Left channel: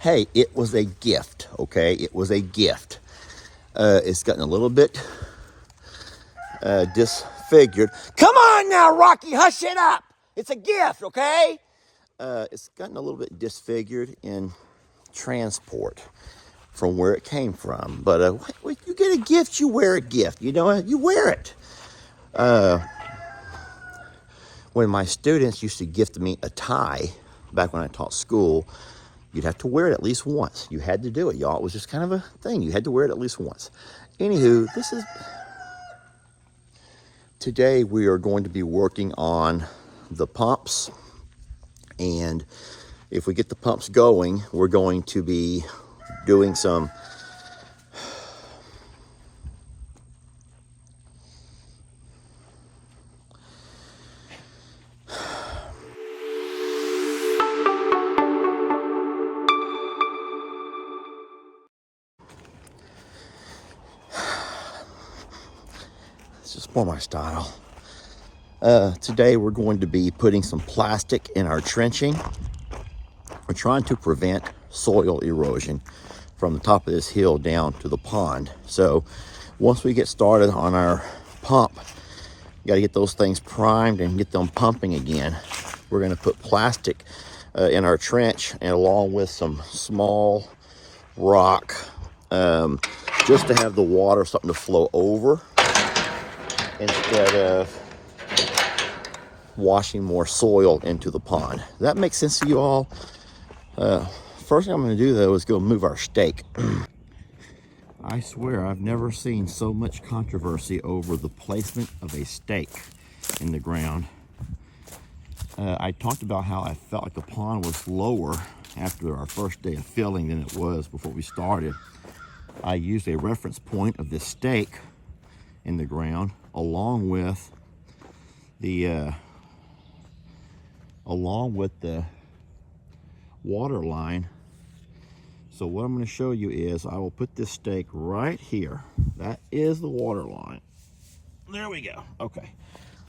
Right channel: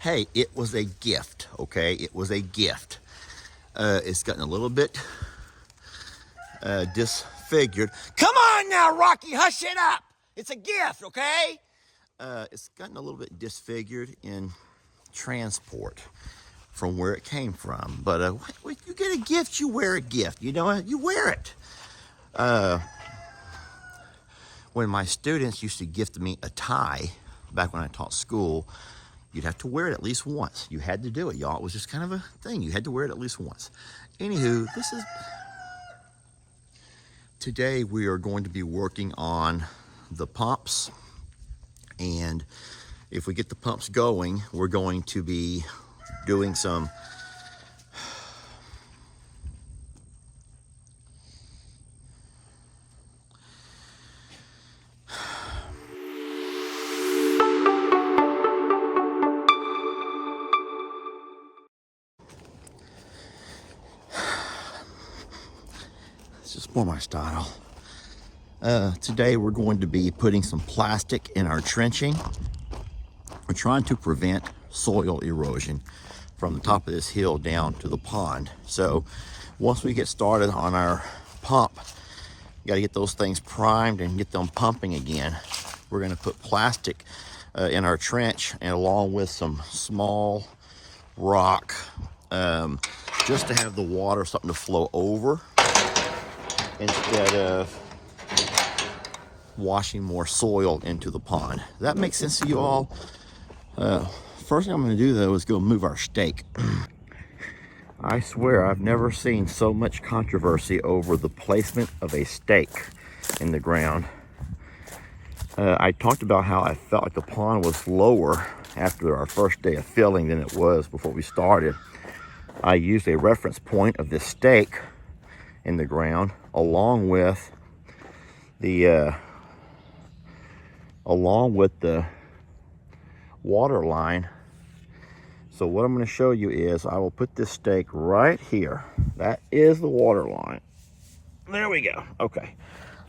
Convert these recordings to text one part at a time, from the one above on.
Hey, it was a gift, okay? It was a gift. It's gotten a little bit disfigured. Come on now, Rocky, hush it up. It's a gift, okay? It's gotten a little bit disfigured in transport from where it came from. But when you get a gift, you wear a gift. You know, you wear it. When my students used to gift me a tie, back when I taught school, you'd have to wear it at least once. You had to do it, y'all. It was just kind of a thing. You had to wear it at least once. Anywho, today we are going to be working on the pumps. And if we get the pumps going, we're going to be doing some just more my style. Today we're going to be putting some plastic in our trenching. We're trying to prevent soil erosion from the top of this hill down to the pond. So once we get started on our pump, you got to get those things primed and get them pumping again. We're going to put plastic in our trench, and along with some small rock, just to have the water, something to flow over instead of washing more soil into the pond. Does that make sense to you all? First thing I'm going to do, though, is go move our stake. I swear I've never seen so much controversy over the placement of a stake in the ground. I talked about how I felt like the pond was lower after our first day of filling than it was before we started. I used a reference point of this stake in the ground along with the water line. So what I'm going to show you is I will put this stake right here. That is the water line. There we go. Okay.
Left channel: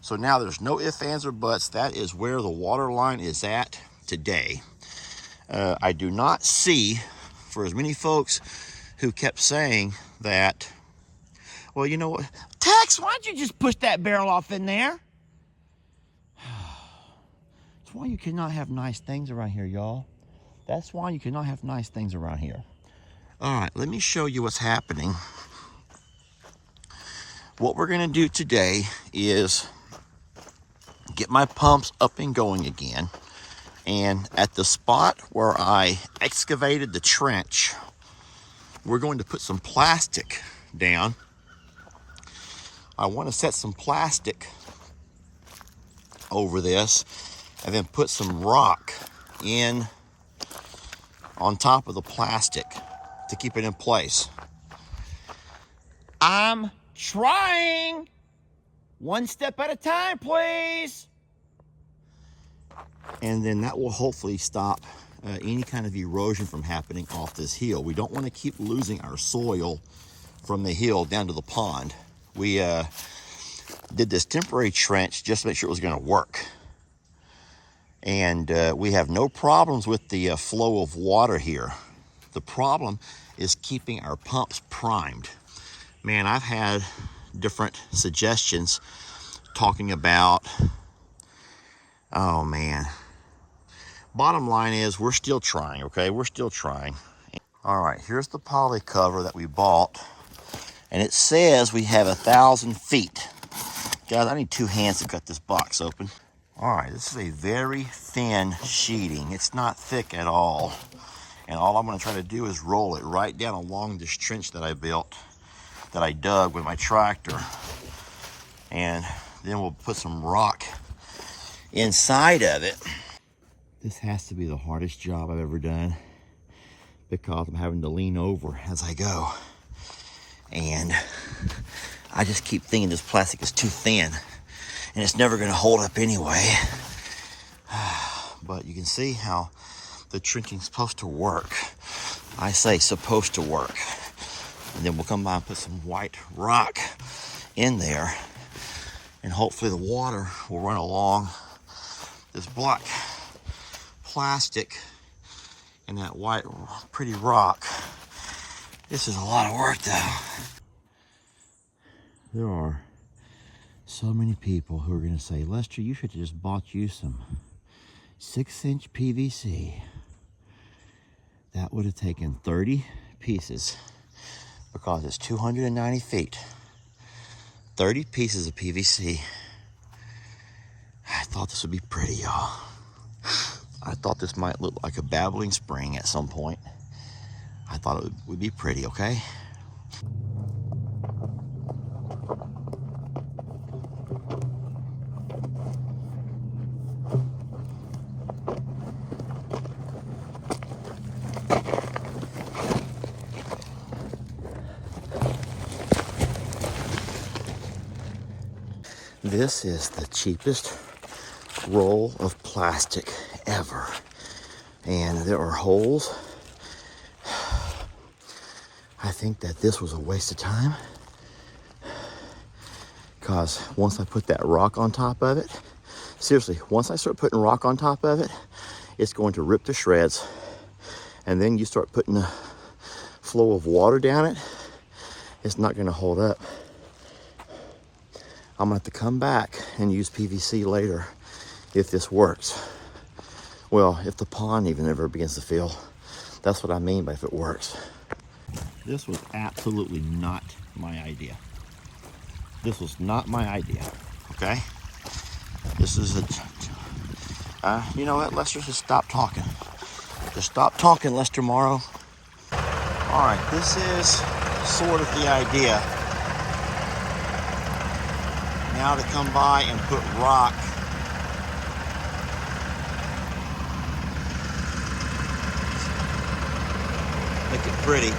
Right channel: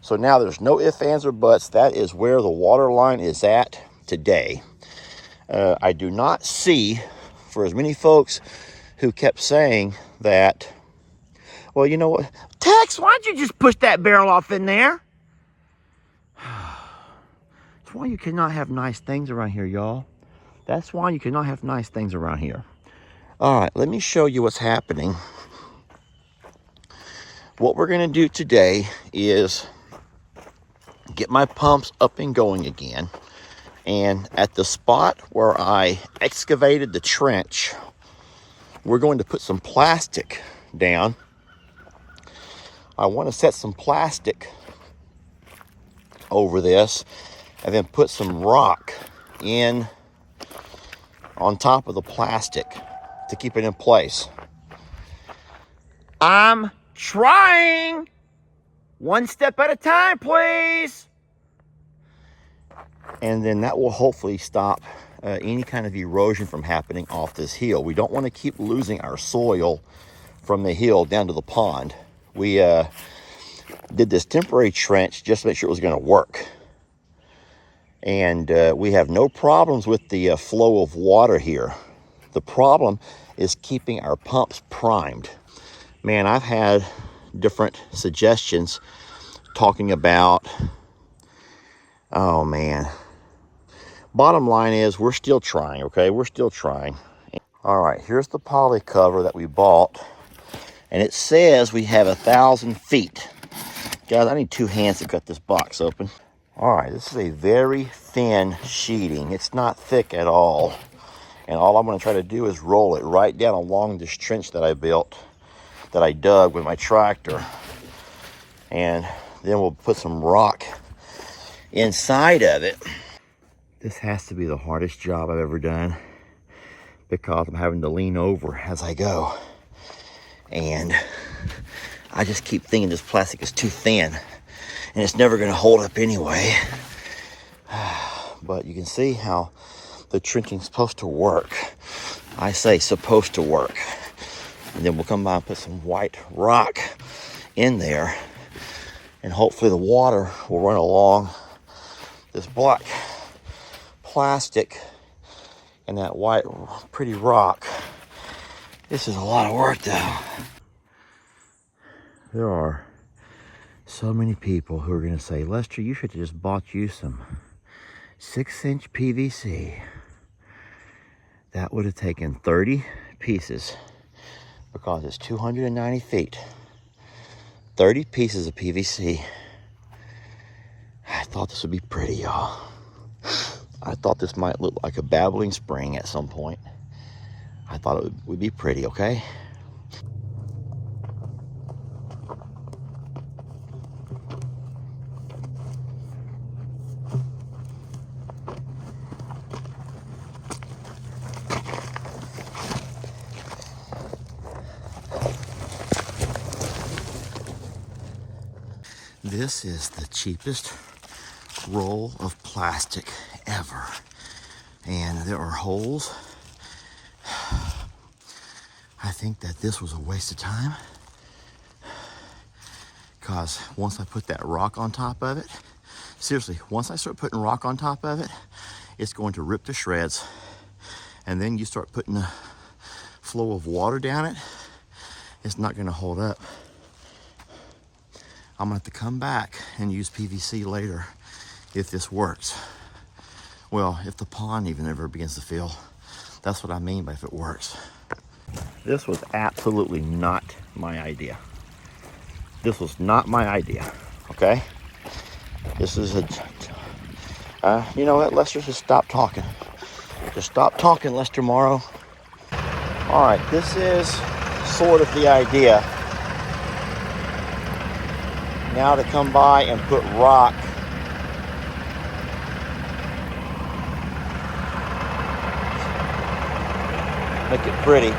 So now there's no ifs, ands, or buts. That is where the water line is at today. I do not see, for as many folks who kept saying that, well, you know what? Tex, why don't you just push that barrel off in there? That's why you cannot have nice things around here, y'all. That's why you cannot have nice things around here. All right, let me show you what's happening. What we're going to do today is get my pumps up and going again. And at the spot where I excavated the trench, we're going to put some plastic down. I want to set some plastic over this and then put some rock in on top of the plastic to keep it in place. I'm trying. One step at a time, please. And then that will hopefully stop any kind of erosion from happening off this hill. We don't want to keep losing our soil from the hill down to the pond. We did this temporary trench just to make sure it was going to work. And we have no problems with the flow of water here. The problem is keeping our pumps primed. Man, I've had different suggestions talking about, oh man. Bottom line is we're still trying, okay? We're still trying. All right, here's the poly cover that we bought. And it says we have 1,000 feet. Guys, I need 2 hands to cut this box open. All right, this is a very thin sheeting. It's not thick at all. And all I'm gonna try to do is roll it right down along this trench that I built, that I dug with my tractor. And then we'll put some rock inside of it. This has to be the hardest job I've ever done because I'm having to lean over as I go. And I just keep thinking this plastic is too thin and it's never gonna hold up anyway. But you can see how the trenching's supposed to work. I say supposed to work. And then we'll come by and put some white rock in there, and hopefully the water will run along this black plastic and that white pretty rock. This is a lot of work though. There are so many people who are gonna say, Lester, you should have just bought you some 6-inch PVC. That would have taken 30 pieces because it's 290 feet. 30 pieces of PVC. I thought this would be pretty, y'all. I thought this might look like a babbling spring at some point. I thought it would be pretty, okay? This is the cheapest roll of plastic ever. And there are holes. I think that this was a waste of time, because once I put that rock on top of it, seriously, once I start putting rock on top of it, it's going to rip to shreds. And then you start putting a flow of water down it, it's not going to hold up. I'm going to have to come back and use PVC later if this works. Well, if the pond even ever begins to fill. That's what I mean by if it works. This was absolutely not my idea. This was not my idea, okay? This is a, you know what, Lester, just stop talking. Just stop talking, Lester Morrow. All right, this is sort of the idea. Now to come by and put rock. Make it pretty.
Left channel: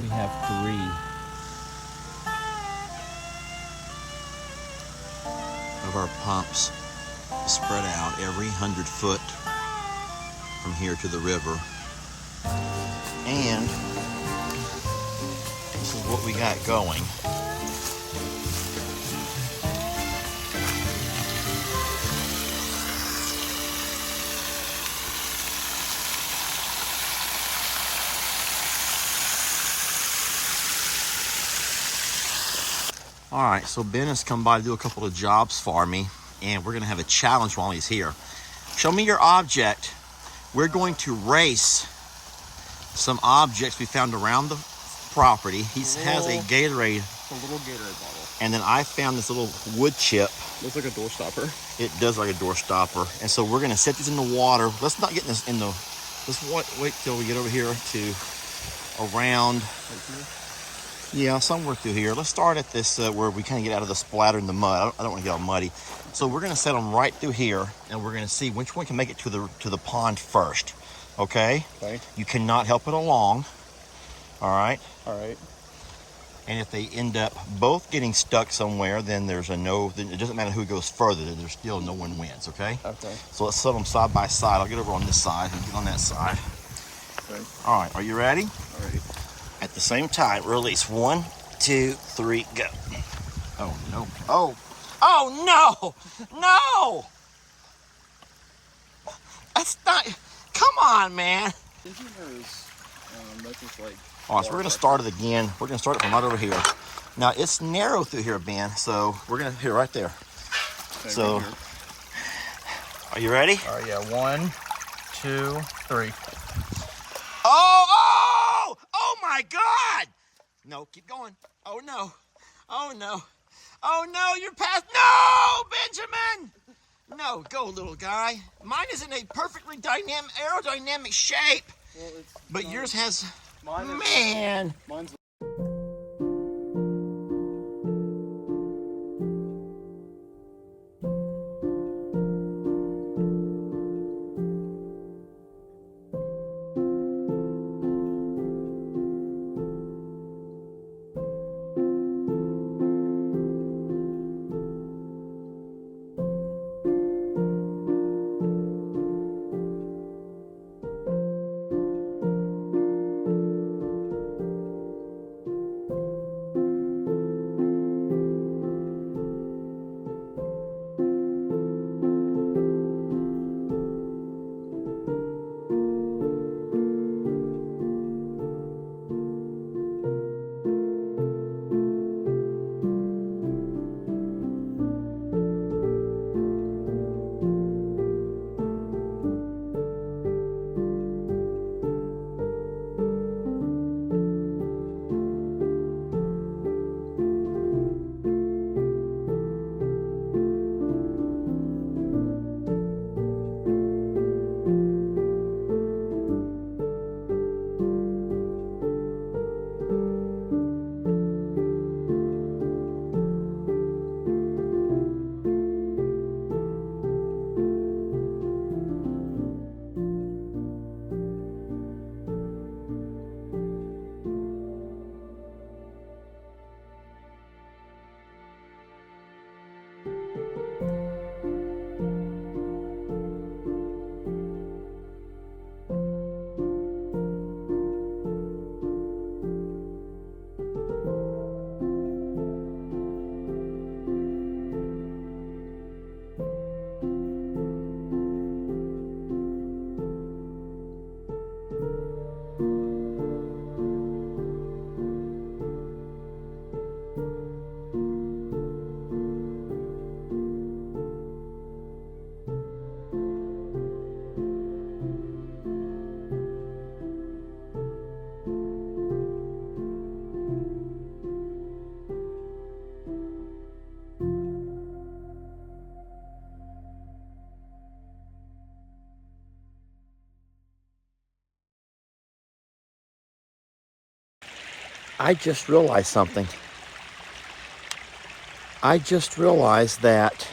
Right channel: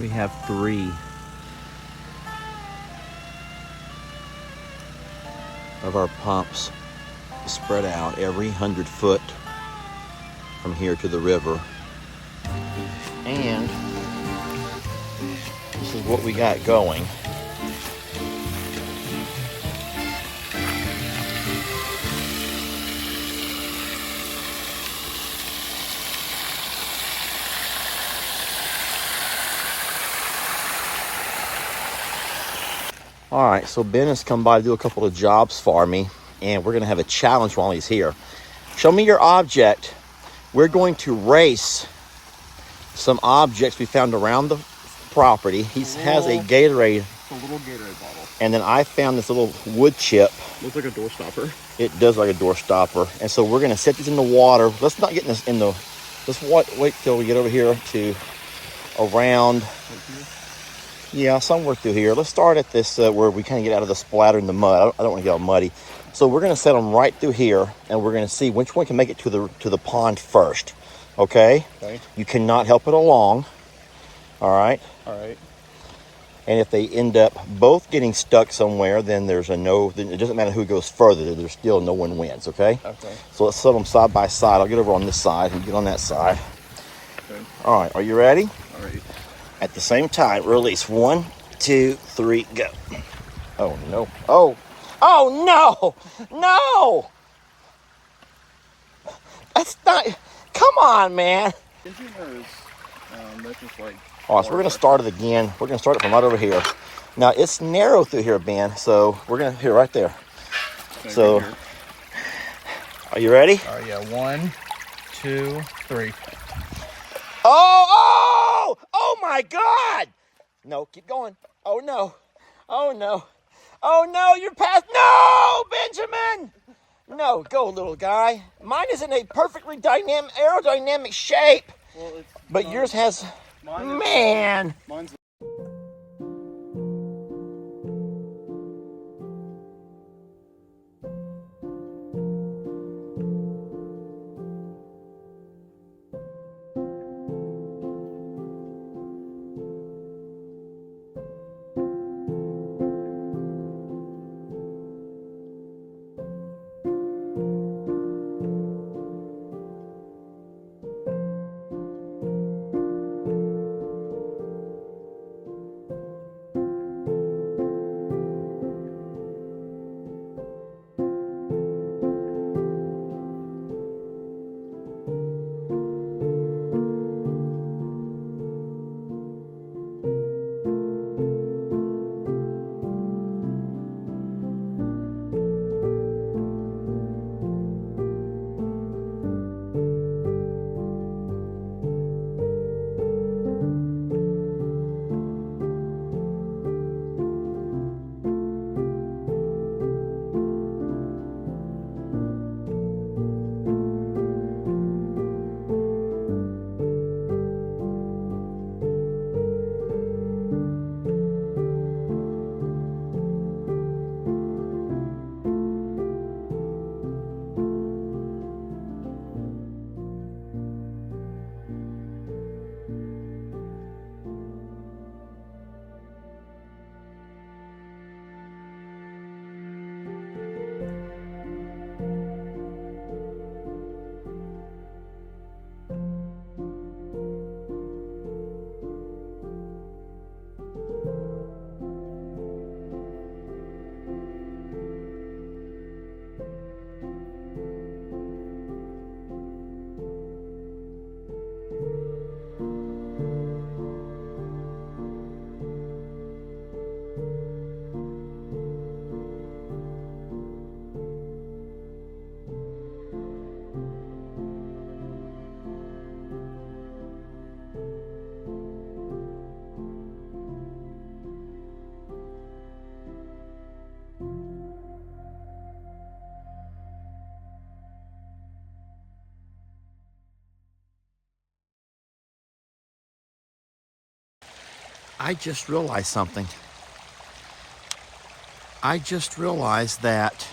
We have 3 of our pumps spread out every 100 foot from here to the river. And this is what we got going. All right, so Ben has come by to do a couple of jobs for me, and we're gonna have a challenge while he's here. Show me your object. We're going to race some objects we found around the property. He has a Gatorade It's a little Gatorade bottle. And then I found this little wood chip. Looks like a door stopper. It does like a door stopper. And so we're gonna set this in the water. Let's not get this in the, let's wait till we get over here to around, Right here? yeah, somewhere through here. Let's start at this where we kind of get out of the splatter in the mud. I don't want to get all muddy. So we're gonna set them right through here, and we're gonna see which one can make it to the pond first. Okay? Okay. You cannot help it along. All right? All right. And if they end up both getting stuck somewhere, then there's a no, then it doesn't matter who goes further, there's still no one wins, okay? Okay. So let's set them side by side. I'll get over on this side and get on that side. Okay. All right, are you ready? All right. At the same time, release. 1, 2, 3, go. Oh, no. Oh, oh, no, no. That's not, come on, man. Isn't yours, that's just like... All right, so we're going to start it again. We're going to start it from right over here. Now, it's narrow through here, Ben, so we're going to, here, right there. Okay, So, here. Are you ready? All right, yeah. 1, 2, 3. Oh, oh my God. No, keep going. Oh, no. Oh, no. Oh, no, you're past. No, Benjamin. No, go, little guy. Mine is in a perfectly dynamic, aerodynamic shape. Well, But yours has, man. Mine's... I just realized something. I just realized that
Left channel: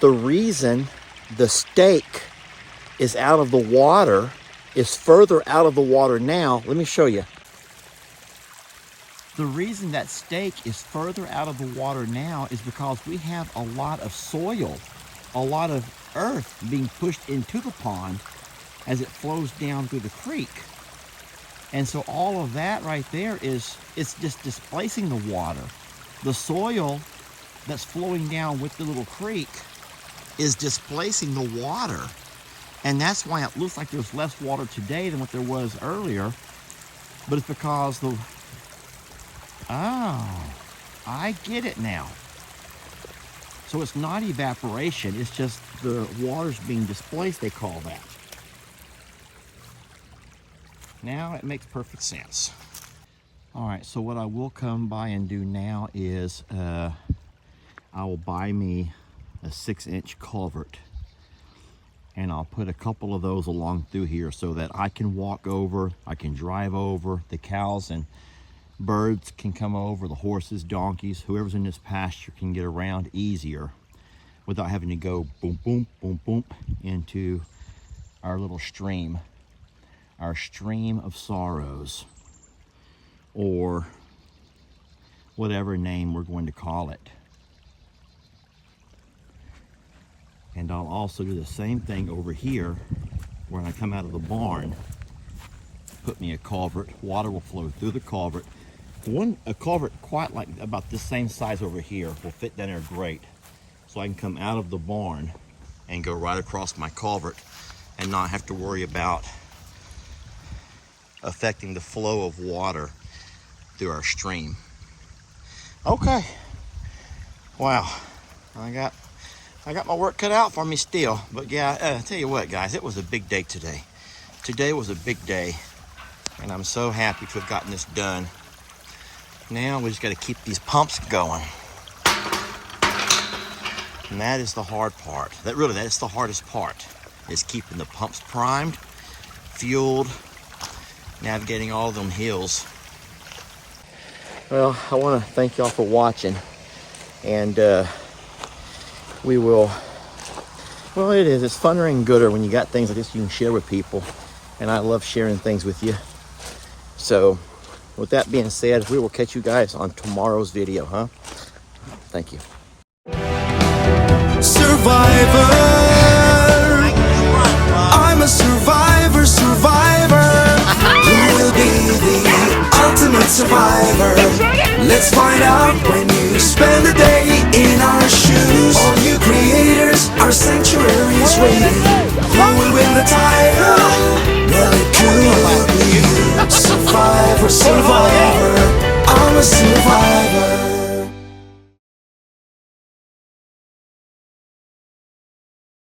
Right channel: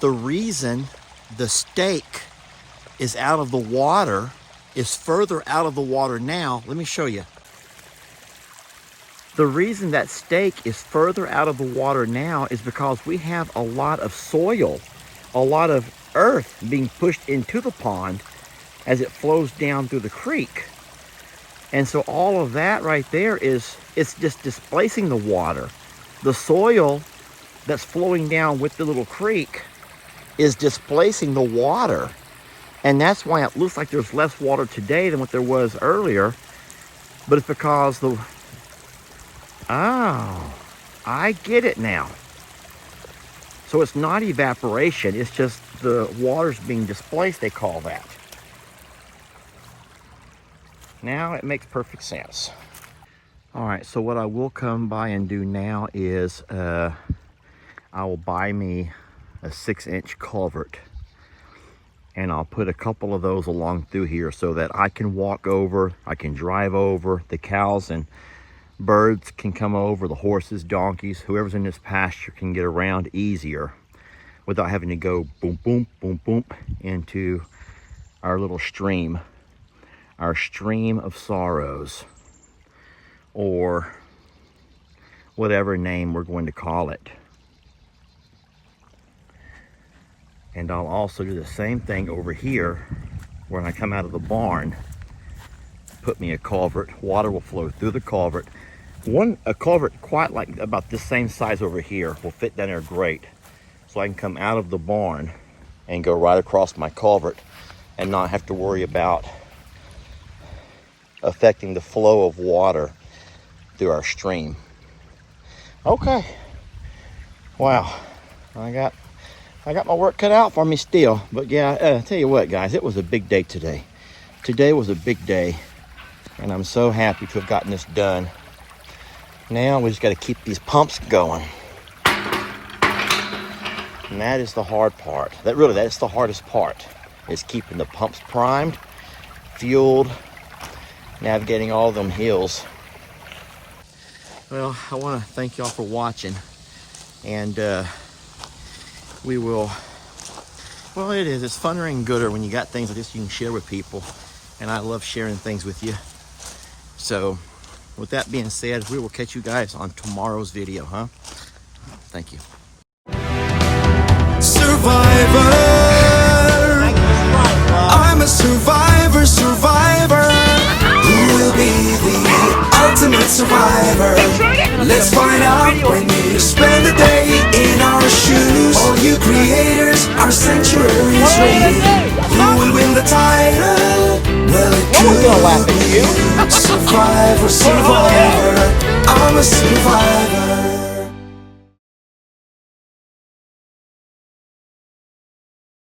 the reason the steak is out of the water, is further out of the water now. Let me show you. The reason that steak is further out of the water now is because we have a lot of soil, a lot of earth being pushed into the pond as it flows down through the creek. And so all of that right there is, it's just displacing the water. The soil that's flowing down with the little creek is displacing the water. And that's why it looks like there's less water today than what there was earlier. But it's because the, oh, I get it now. So it's not evaporation, it's just the water's being displaced, they call that. Now it makes perfect sense. All right, so what I will come by and do now is I will buy me a 6-inch culvert, and I'll put a couple of those along through here so that I can walk over, I can drive over, the cows and birds can come over, the horses, donkeys, whoever's in this pasture can get around easier without having to go boom, boom, boom, boom into our little stream, our stream of sorrows, or whatever name we're going to call it. And I'll also do the same thing over here when I come out of the barn. Put me a culvert, water will flow through the culvert. A culvert quite like about this same size over here will fit down there great. So I can come out of the barn and go right across my culvert and not have to worry about affecting the flow of water through our stream. Okay. Wow. I got my work cut out for me still. But yeah, tell you what, guys, it was a big day today. Today was a big day, and I'm so happy to have gotten this done. Now we just got to keep these pumps going. And that is the hard part. That's the hardest part, is keeping the pumps primed, fueled, navigating all them hills. Well, I want to thank y'all for watching, and we will, well, it's funner and gooder when you got things like this you can share with people, and I love sharing things with you. So with that being said, we will catch you guys on tomorrow's video, huh? Thank you. Survivor, I'm a survivor, who will be the ultimate survivor? Let's find out when you spend a day in our shoes. All you creators, our sanctuaries waiting. Who will win the title? Well, it could be you. Survivor, I'm a survivor.